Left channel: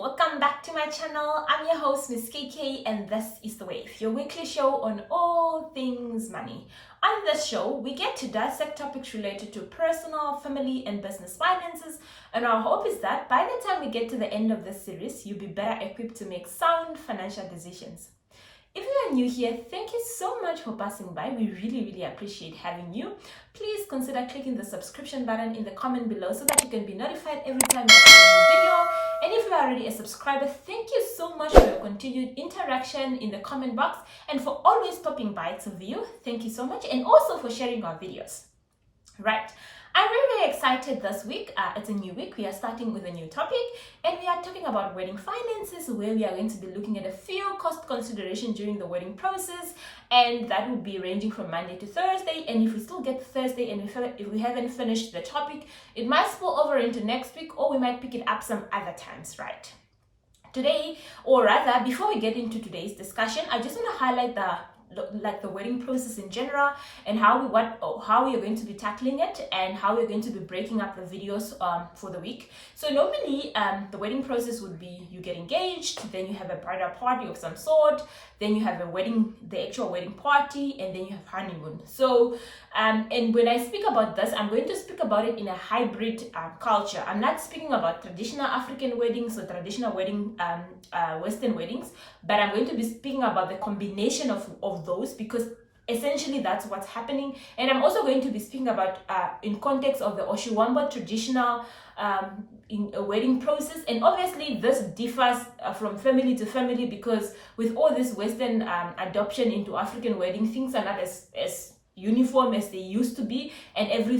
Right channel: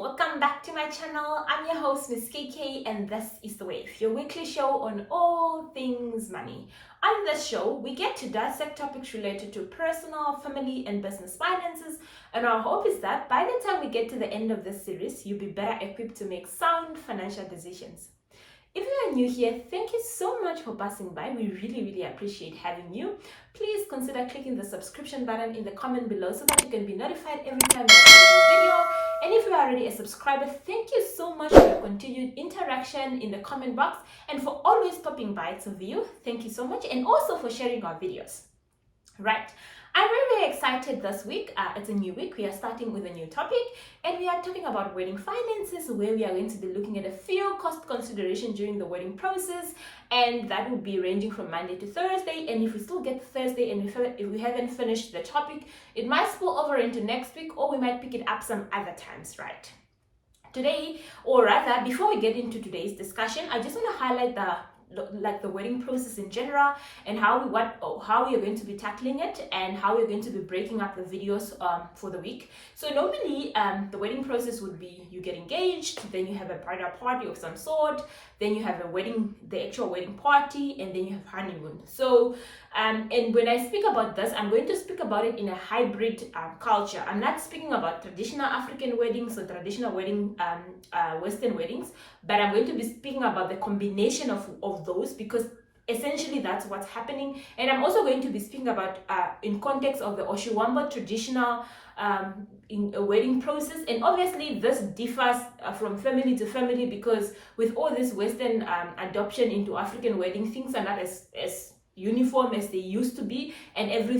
welcome back to my channel. I'm your host, Miss KK, and this is The Wave, your weekly show on all things money. On this show, we get to dissect topics related to personal, family, and business finances, and our hope is that by the time we get to the end of this series, you'll be better equipped to make sound financial decisions. If you are new here, thank you so much for passing by. We really appreciate having you. Please consider clicking the subscription button in the comment below so that you can be notified every time I upload a new video. And if you are already a subscriber, thank you so much for your continued interaction in the comment box and for always popping by to view. Thank you so much, and also for sharing our videos. Right. I'm very excited this week. It's a new week. We are starting with a new topic, and we are talking about wedding finances, where we are going to be looking at a few cost considerations during the wedding process, and that will be ranging from Monday to Thursday. And if we still get to Thursday and if we haven't finished the topic, it might spill over into next week, or we might pick it up some other times, right? Today, or rather, before we get into today's discussion, I just want to highlight the wedding process in general, and how we are going to be tackling it, and how we're going to be breaking up the videos for the week. So normally the wedding process would be you get engaged, then you have a bridal party of some sort, then you have the actual wedding party, and then you have honeymoon. So and when I speak about this, I'm going to speak about it in a hybrid culture. I'm not speaking about traditional African weddings or traditional Western weddings, but I'm going to be speaking about the combination of those, because essentially that's what's happening. And I'm also going to be speaking about in context of the Oshiwamba traditional in a wedding process. And obviously this differs from family to family, because with all this Western adoption into African wedding, things are not as uniform as they used to be, and every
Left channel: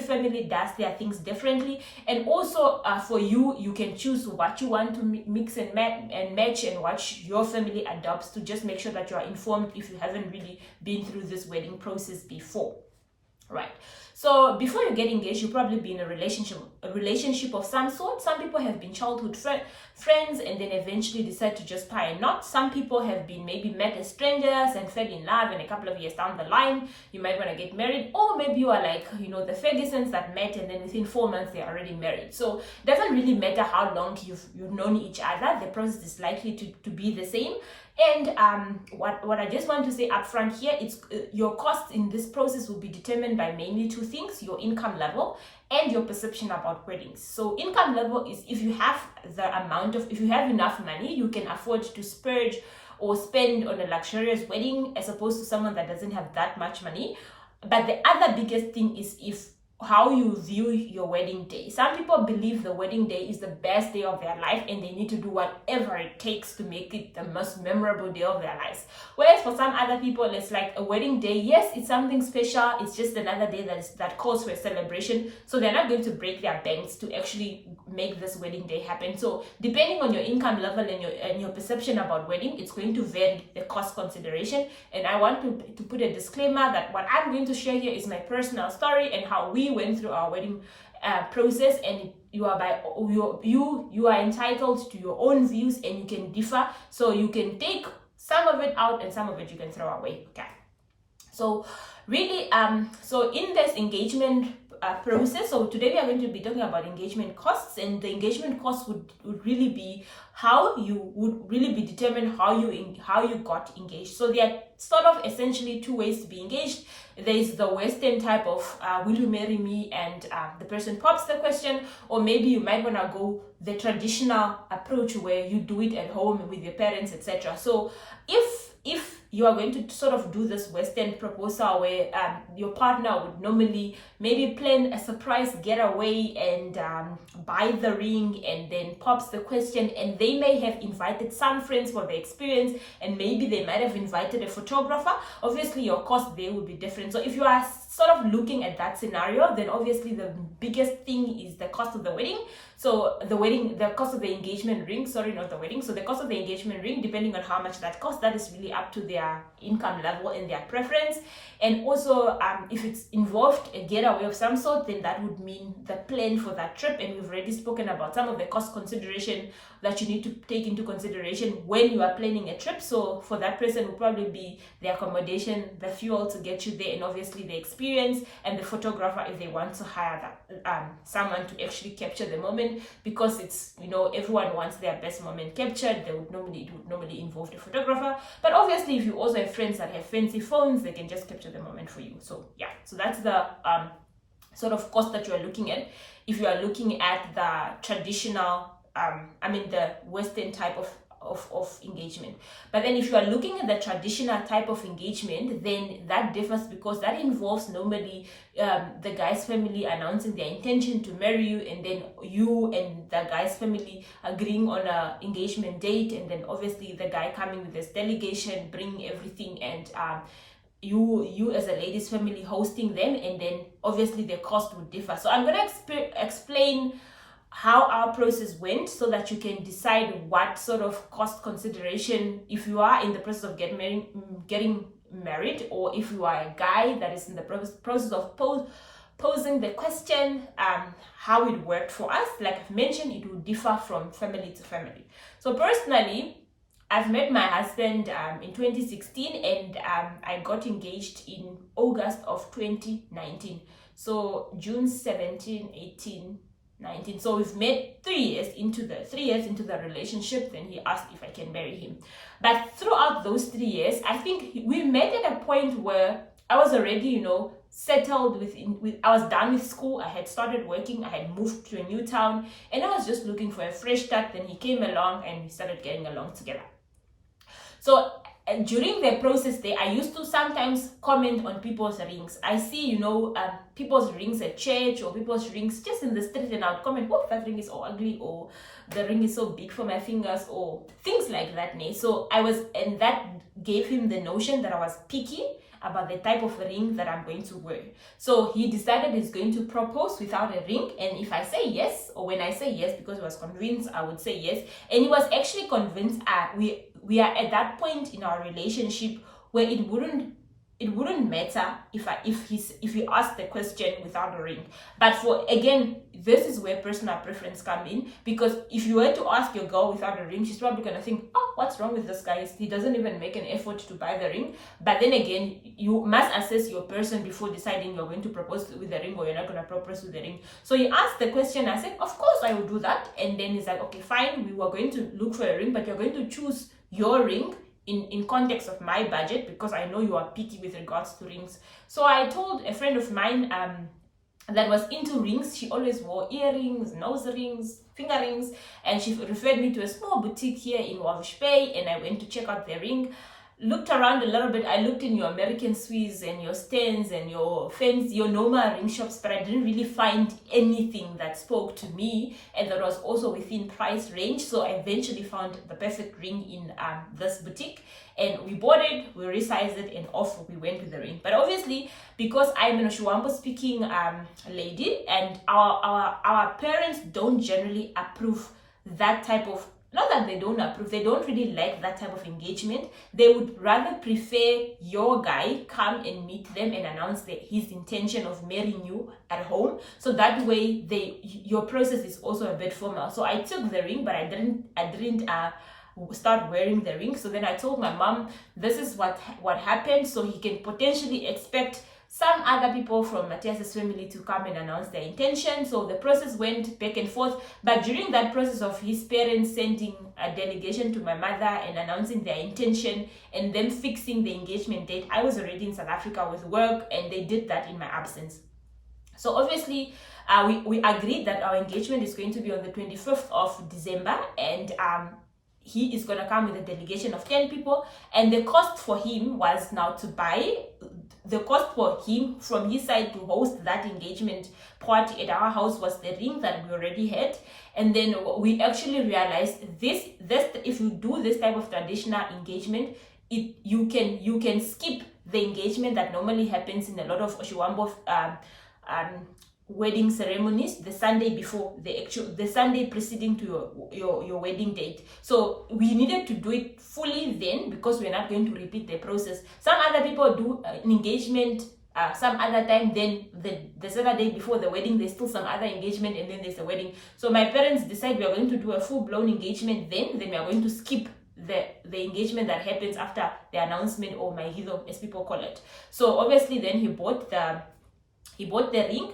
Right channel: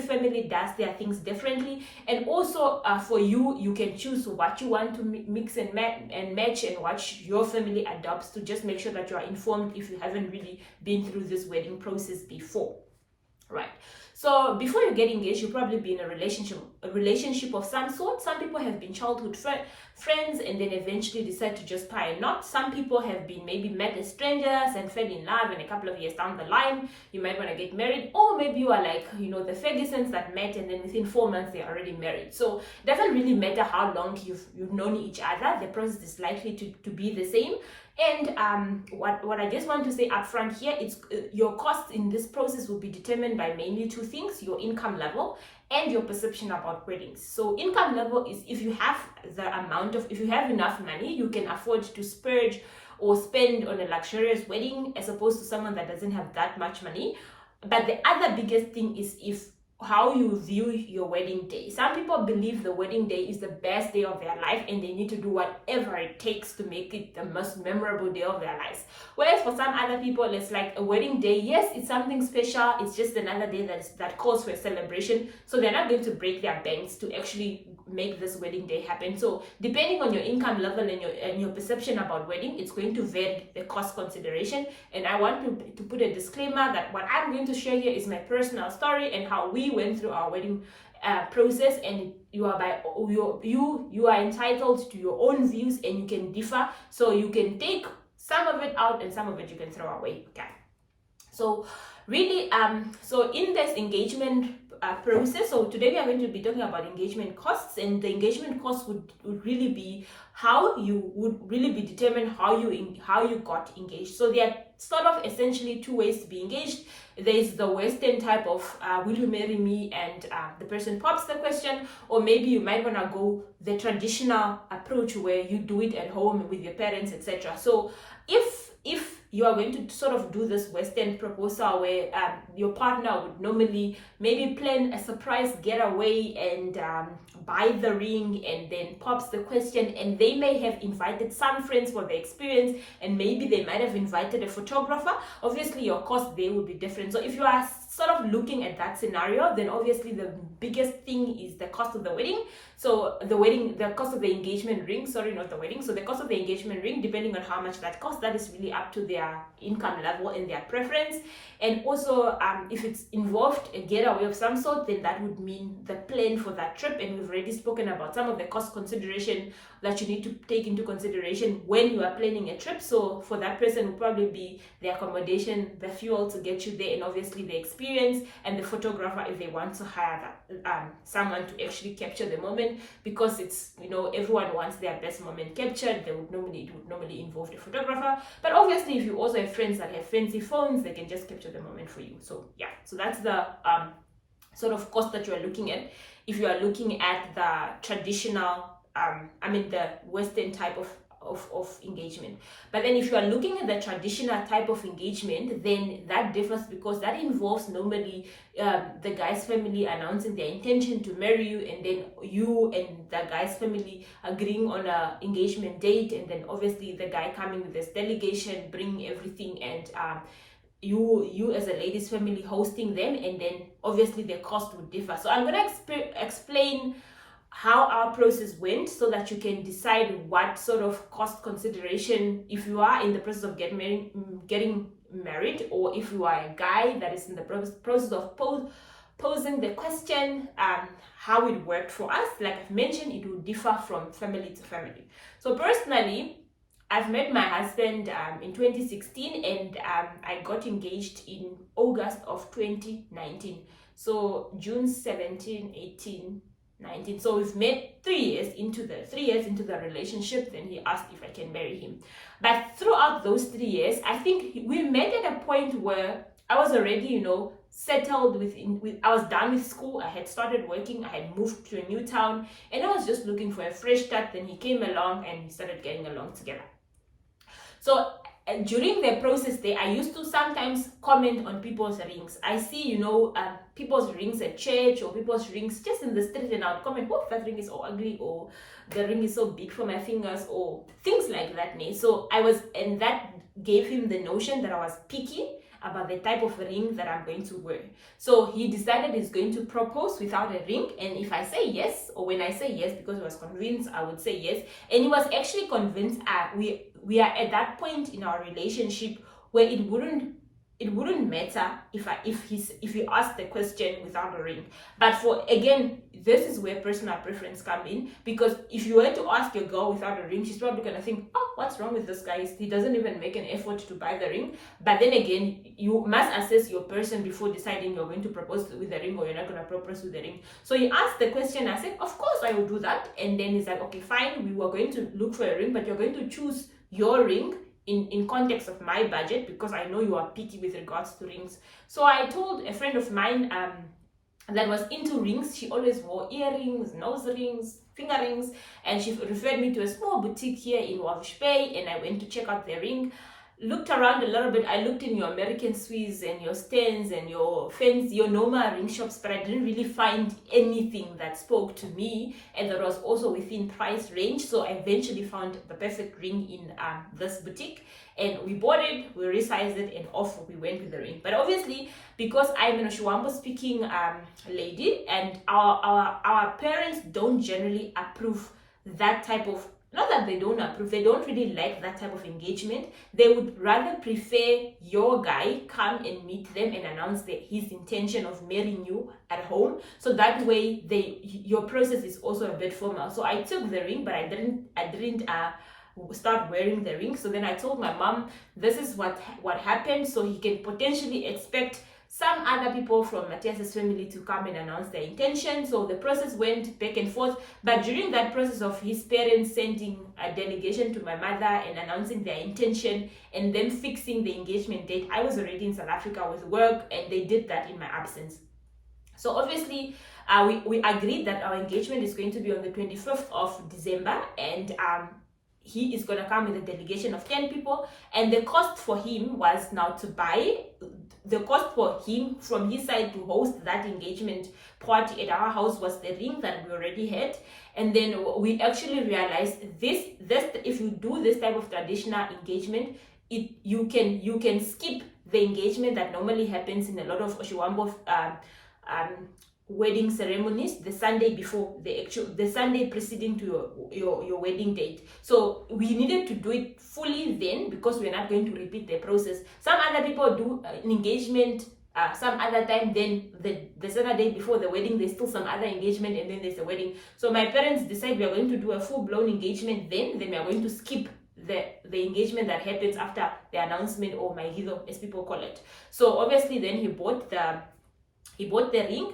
family does their things differently. And also for you can choose what you want to mix and match, and what your family adopts, to just make sure that you are informed if you haven't really been through this wedding process before, right? So before you get engaged, you'll probably be in a relationship of some sort. Some people have been childhood friends and then eventually decide to just tie a knot. Some people have been maybe met as strangers and fell in love, and a couple of years down the line you might want to get married. Or maybe you are like, the Fergusons that met and then within 4 months they're already married. So it doesn't really matter how long you've known each other, the process is likely to be the same. And what I just want to say up front here, it's your costs in this process will be determined by mainly two things: your income level and your perception about weddings. So income level is if you have enough money, you can afford to splurge or spend on a luxurious wedding, as opposed to someone that doesn't have that much money. But the other biggest thing is how you view your wedding day. Some people believe the wedding day is the best day of their life, and they need to do whatever it takes to make it the most memorable day of their lives. Whereas for some other people, it's like a wedding day, yes, it's something special, it's just another day that calls for a celebration. So they're not going to break their banks to actually make this wedding day happen. So depending on your income level and your perception about wedding, it's going to vary the cost consideration. And I want to put a disclaimer that what I'm going to share here is my personal story and how we went through our wedding process, and you are entitled to your own views, and you can differ. So you can take some of it out and some of it you can throw away. Okay. So really, so in this engagement process, so today we are going to be talking about engagement costs, and the engagement costs would really be how you would really be determined how you got engaged. So there are sort of essentially two ways to be engaged. There is the Western type of will you marry me, and the person pops the question, or maybe you might want to go the traditional approach where you do it at home with your parents, etc. So if you are going to sort of do this Western proposal where your partner would normally maybe plan a surprise getaway and buy the ring and then pops the question, and they may have invited some friends for the experience, and maybe they might have invited a photographer, obviously your cost there would be different. So if you are sort of looking at that scenario, then obviously the biggest thing is the cost of the wedding. So the cost of the engagement ring, sorry, not the wedding. So the cost of the engagement ring, depending on how much that costs, that is really up to their income level and their preference. And also if it's involved a getaway of some sort, then that would mean the plan for that trip. And we've already spoken about some of the cost consideration that you need to take into consideration when you are planning a trip. So for that person will probably be the accommodation, the fuel to get you there, and obviously the experience experience, and the photographer if they want to hire someone to actually capture the moment, because it's, you know, everyone wants their best moment captured. It would normally involve the photographer, but obviously if you also have friends that have fancy phones, they can just capture the moment for you. So yeah, so that's the sort of cost that you are looking at if you are looking at the traditional the Western type of engagement. But then if you are looking at the traditional type of engagement, then that differs, because that involves normally the guy's family announcing their intention to marry you, and then you and the guy's family agreeing on a engagement date, and then obviously the guy coming with this delegation, bringing everything, and you as a lady's family hosting them, and then obviously the cost would differ. So I'm going to explain how our process went, so that you can decide what sort of cost consideration, if you are in the process of getting married, or if you are a guy that is in the process of posing the question. How it worked for us, like I've mentioned, it will differ from family to family. So personally, I've met my husband in 2016, and I got engaged in August of 2019. So June 17, 18, 19. So we've met 3 years into the relationship. Then he asked if I can marry him. But throughout those 3 years, I think we met at a point where I was already, you know, settled I was done with school. I had started working. I had moved to a new town, and I was just looking for a fresh start. Then he came along, and we started getting along together. So during the process there, I used to sometimes comment on people's rings. I see, you know, people's rings at church, or people's rings just in the street, and I would comment, oh, that ring is so ugly, or the ring is so big for my fingers, or things like that. So and that gave him the notion that I was picky about the type of ring that I'm going to wear. So he decided he's going to propose without a ring, and if I say yes, or when I say yes, because he was convinced I would say yes, and he was actually convinced we are at that point in our relationship where it wouldn't matter if he asked the question without a ring. But this is where personal preference come in, because if you were to ask your girl without a ring, she's probably gonna think, oh, what's wrong with this guy? He doesn't even make an effort to buy the ring. But then again, you must assess your person before deciding you're going to propose with the ring or you're not going to propose with the ring. So he asked the question. I said, of course I will do that. And then he's like, okay, fine, we were going to look for a ring, but you're going to choose your ring in context of my budget, because I know you are picky with regards to rings. So I told a friend of mine that was into rings. She always wore earrings, nose rings, finger rings, and she referred me to a small boutique here in Walvish Bay, and I went to check out the ring. Looked around a little bit. I looked in your American Swiss and your Stens and your fancy, your normal ring shops, but I didn't really find anything that spoke to me and that was also within price range. So I eventually found the perfect ring in this boutique, and we bought it, we resized it, and off we went with the ring. But obviously, because I'm an Oshiwambo speaking lady, and our parents don't generally approve that type of, not that they don't approve, they don't really like that type of engagement. They would rather prefer your guy come and meet them and announce his intention of marrying you at home. So that way your process is also a bit formal. So I took the ring, but I didn't start wearing the ring. So then I told my mom, this is what happened, so he can potentially expect some other people from Matthias's family to come and announce their intention. So the process went back and forth. But during that process of his parents sending a delegation to my mother and announcing their intention and then fixing the engagement date, I was already in South Africa with work, and they did that in my absence. So obviously, we agreed that our engagement is going to be on the 25th of December, and he is going to come with a delegation of 10 people, and the cost for him was now to buy, the cost for him from his side to host that engagement party at our house was the ring that we already had. And then we actually realized this if you do this type of traditional engagement, you can skip the engagement that normally happens in a lot of Oshiwambo wedding ceremonies the Sunday before, the Sunday preceding to your wedding date. So we needed to do it fully then, because we're not going to repeat the process. Some other people do an engagement some other time, then the Saturday before the wedding there's still some other engagement, and then there's the wedding. So my parents decided we are going to do a full-blown engagement then we are going to skip the engagement that happens after the announcement, or maigizo as people call it. So obviously then he bought He bought the ring,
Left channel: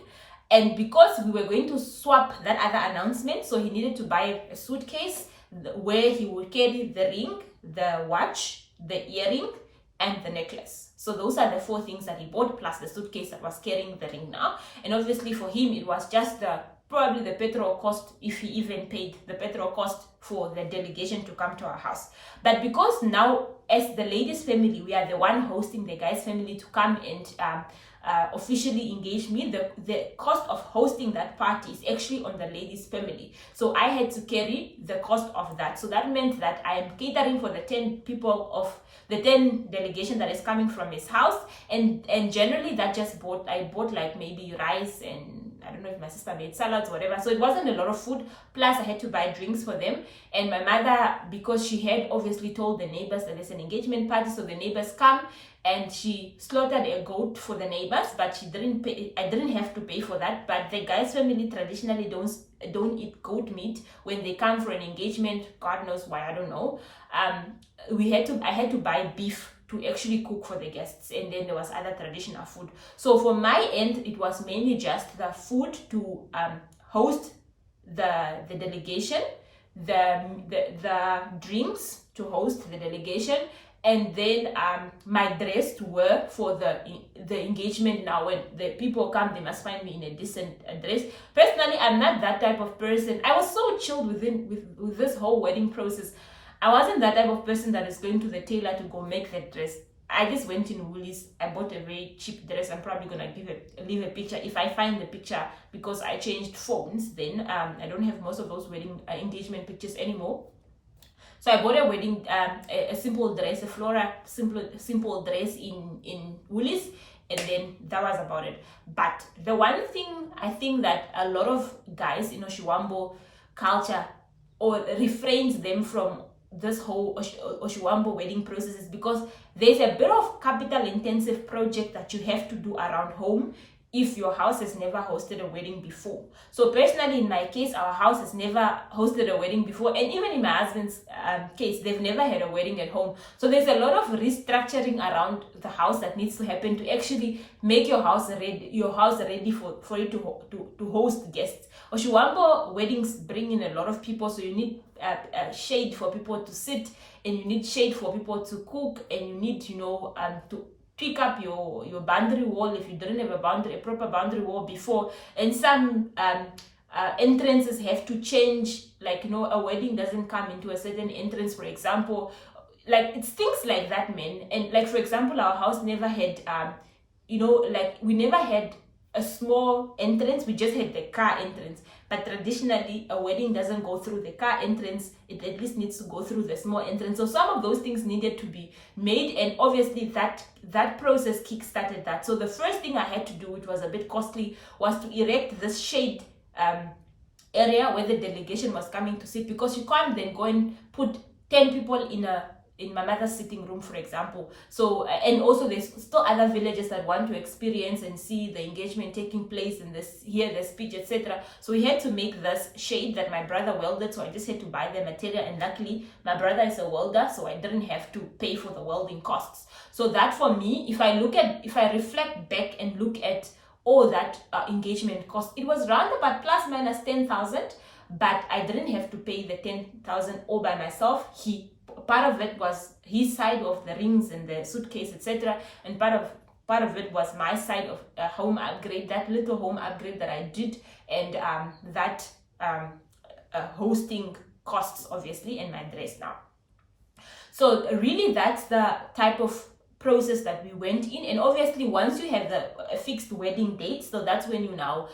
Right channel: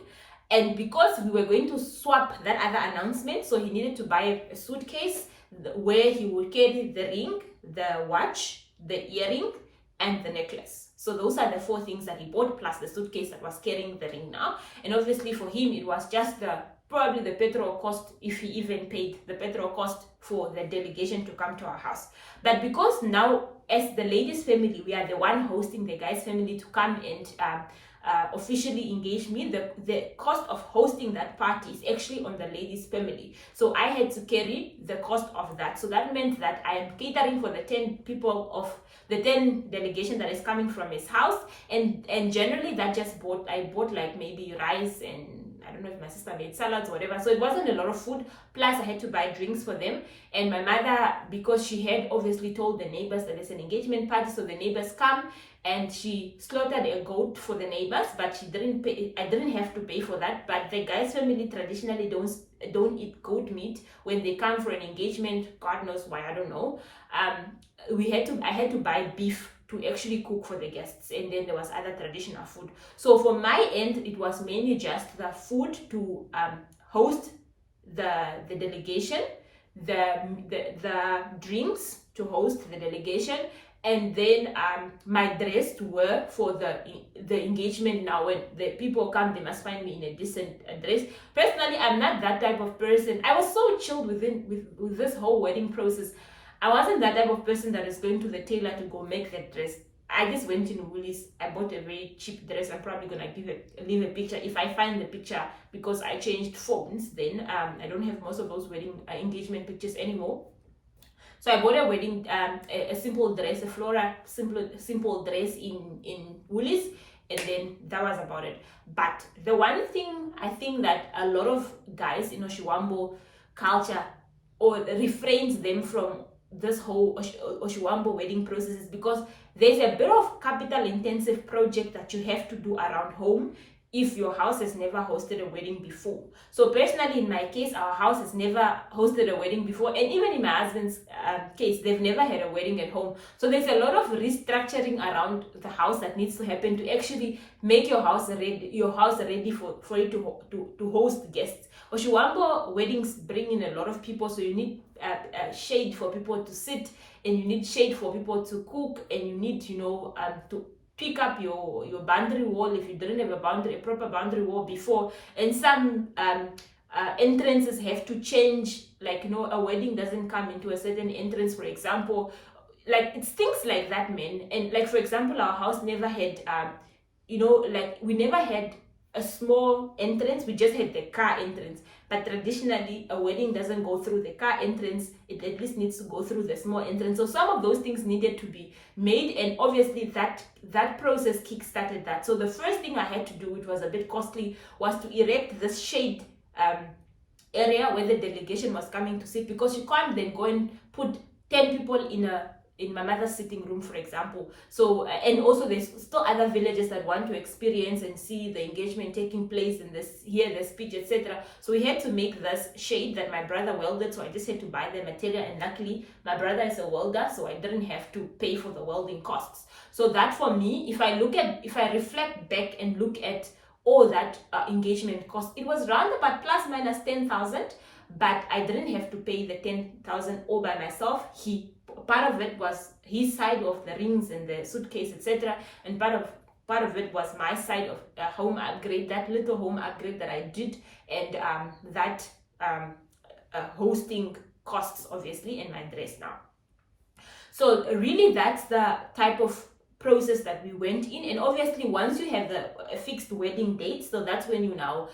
and because we were going to swap that other announcement, so he needed to buy a suitcase where he would carry the ring, the watch, the earring, and the necklace. So those are the 4 things that he bought, plus the suitcase that was carrying the ring now. And obviously for him, it was just probably the petrol cost, if he even paid the petrol cost for the delegation to come to our house. But because now, as the lady's family, we are the one hosting the guy's family to come and officially engage me, the cost of hosting that party is actually on the lady's family. So I had to carry the cost of that. So that meant that I am catering for the 10 people of the 10 delegation that is coming from his house, and generally that I bought like maybe rice, and I don't know if my sister made salads or whatever, so it wasn't a lot of food, plus I had to buy drinks for them. And my mother, because she had obviously told the neighbors that there's an engagement party, so the neighbors come, and she slaughtered a goat for the neighbors, but she didn't pay. I didn't have to pay for that. But the guy's family traditionally don't eat goat meat when they come for an engagement. God knows why, I don't know. I had to buy beef to actually cook for the guests, and then there was other traditional food. So for my end, it was mainly just the food to host the delegation, the drinks to host the delegation, and then my dress to wear for the engagement. Now when the people come, they must find me in a decent dress. Personally, I'm not that type of person. I was so chilled with this whole wedding process. I wasn't that type of person that is going to the tailor to go make that dress. I just went in Woolies. I bought a very cheap dress. I'm probably gonna leave a picture if I find the picture, because I changed phones. Then I don't have most of those wedding engagement pictures anymore. So I bought a wedding, a simple dress, a flora simple dress in Woolies, and then that was about it. But the one thing I think that a lot of guys in Oshiwambo culture or refrains them from this whole Oshiwambo wedding process is because there's a bit of capital intensive project that you have to do around home if your house has never hosted a wedding before. So personally, in my case, our house has never hosted a wedding before, and even in my husband's case, they've never had a wedding at home. So there's a lot of restructuring around the house that needs to happen to actually make your house ready for it to host guests. Oshiwambo weddings bring in a lot of people, so you need shade for people to sit, and you need shade for people to cook, and you need to pick up your boundary wall if you didn't have a proper boundary wall before. And some entrances have to change, like a wedding doesn't come into a certain entrance, for example. Like it's things like that, man. And like for example, our house never had we never had a small entrance, we just had the car entrance. But traditionally, a wedding doesn't go through the car entrance, it at least needs to go through the small entrance. So some of those things needed to be made, and obviously that process kick-started that. So the first thing I had to do, which was a bit costly, was to erect this shade area where the delegation was coming to sit, because you can't then go and put 10 people in my mother's sitting room, for example. So, and also there's still other villages that want to experience and see the engagement taking place and hear the speech, etc. So we had to make this shade that my brother welded, so I just had to buy the material, and luckily my brother is a welder, so I didn't have to pay for the welding costs. So that for me, if I reflect back and look at all that engagement cost, it was round about plus minus 10,000, but I didn't have to pay the 10,000 all by myself. Part of it was his side of the rings and the suitcase, etc., and part of it was my side of home upgrade, that little home upgrade that I did, and that hosting costs, obviously, and my dress now. So really, that's the type of process that we went in. And obviously, once you have a fixed wedding date, so that's when you now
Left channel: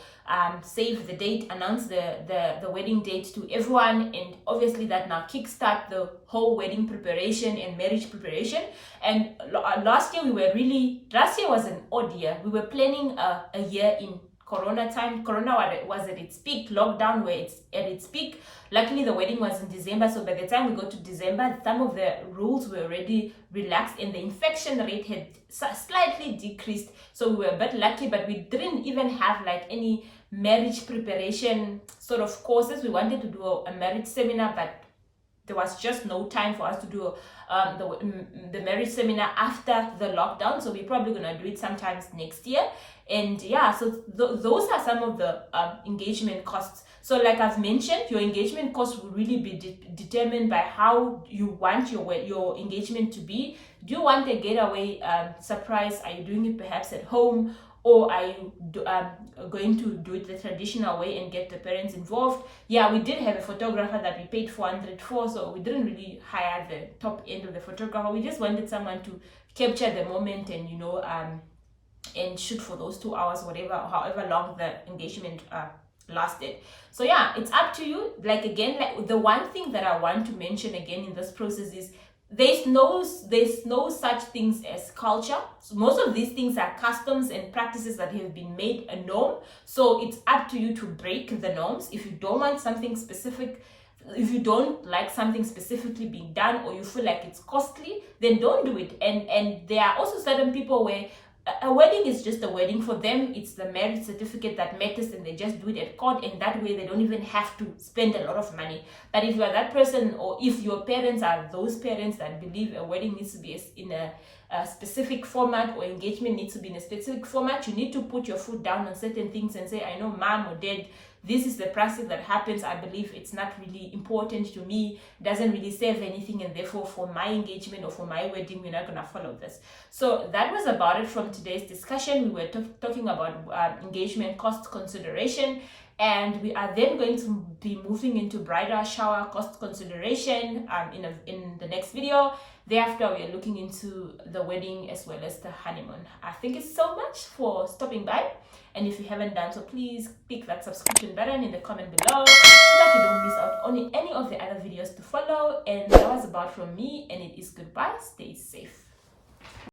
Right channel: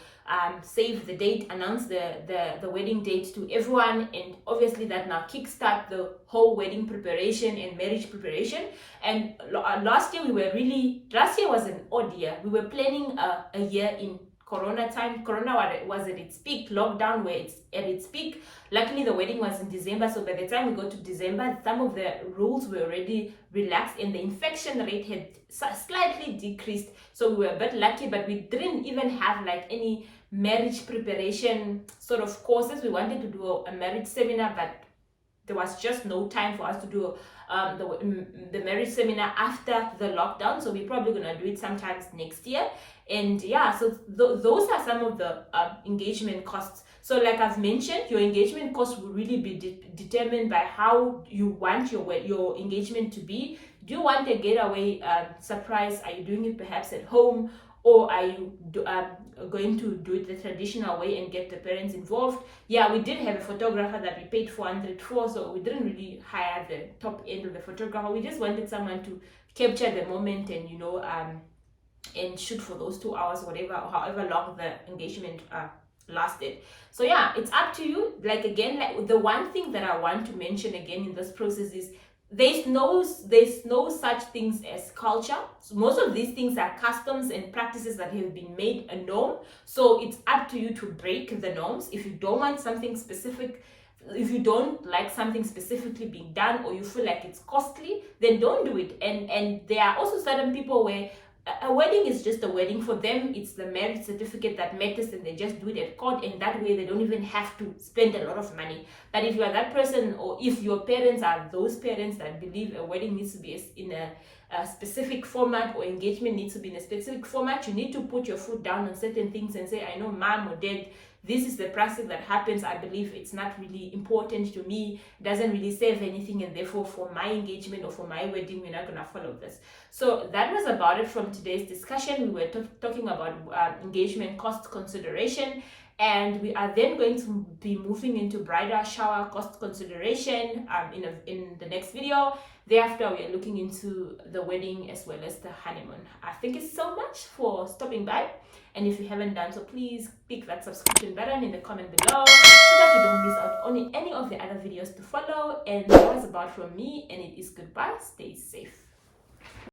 save the date, announce the wedding date to everyone, and obviously that now kickstart the whole wedding preparation and marriage preparation. And last year was an odd year. We were planning a year in Corona time. Corona was at its peak, lockdown where it's at its peak. Luckily, the wedding was in December, so by the time we got to December, some of the rules were already relaxed and the infection rate had slightly decreased. So we were a bit lucky, but we didn't even have like any marriage preparation sort of courses. We wanted to do a marriage seminar, but there was just no time for us to do the marriage seminar after the lockdown, so we're probably gonna do it sometimes next year. And yeah, so those are some of the engagement costs. So like I've mentioned, your engagement cost will really be determined by how you want your engagement to be. Do you want a getaway surprise? Are you doing it perhaps at home? Or are you going to do it the traditional way and get the parents involved? Yeah, we did have a photographer that we paid 400 for, so we didn't really hire the top end of the photographer. We just wanted someone to capture the moment and, you know, and shoot for those 2 hours, whatever, however long the engagement lasted. So yeah, it's up to you. Like, again, like the one thing that I want to mention again in this process is there's no such things as culture. So most of these things are customs and practices that have been made a norm. So it's up to you to break the norms. If you don't want something specific, if you don't like something specifically being done, or you feel like it's costly, then don't do it. And there are also certain people where a wedding is just a wedding. For them, it's the marriage certificate that matters, and they just do it at court, and that way they don't even have to spend a lot of money. But if you are that person, or if your parents are those parents that believe a wedding needs to be in a specific format, or engagement needs to be in a specific format, you need to put your foot down on certain things and say, I know mom or dad, this is the practice that happens. I believe it's not really important to me, doesn't really serve anything, and therefore for my engagement or for my wedding, we're not going to follow this. So that was about it from today's discussion. We were talking about engagement cost consideration, and we are then going to be moving into bridal shower cost consideration in the next video. Thereafter, we are looking into the wedding as well as the honeymoon. Thank you so much for stopping by. And if you haven't done so, please click that subscription button in the comment below so that you don't miss out on any of the other videos to follow. And that was about from me, and it is goodbye. Stay safe.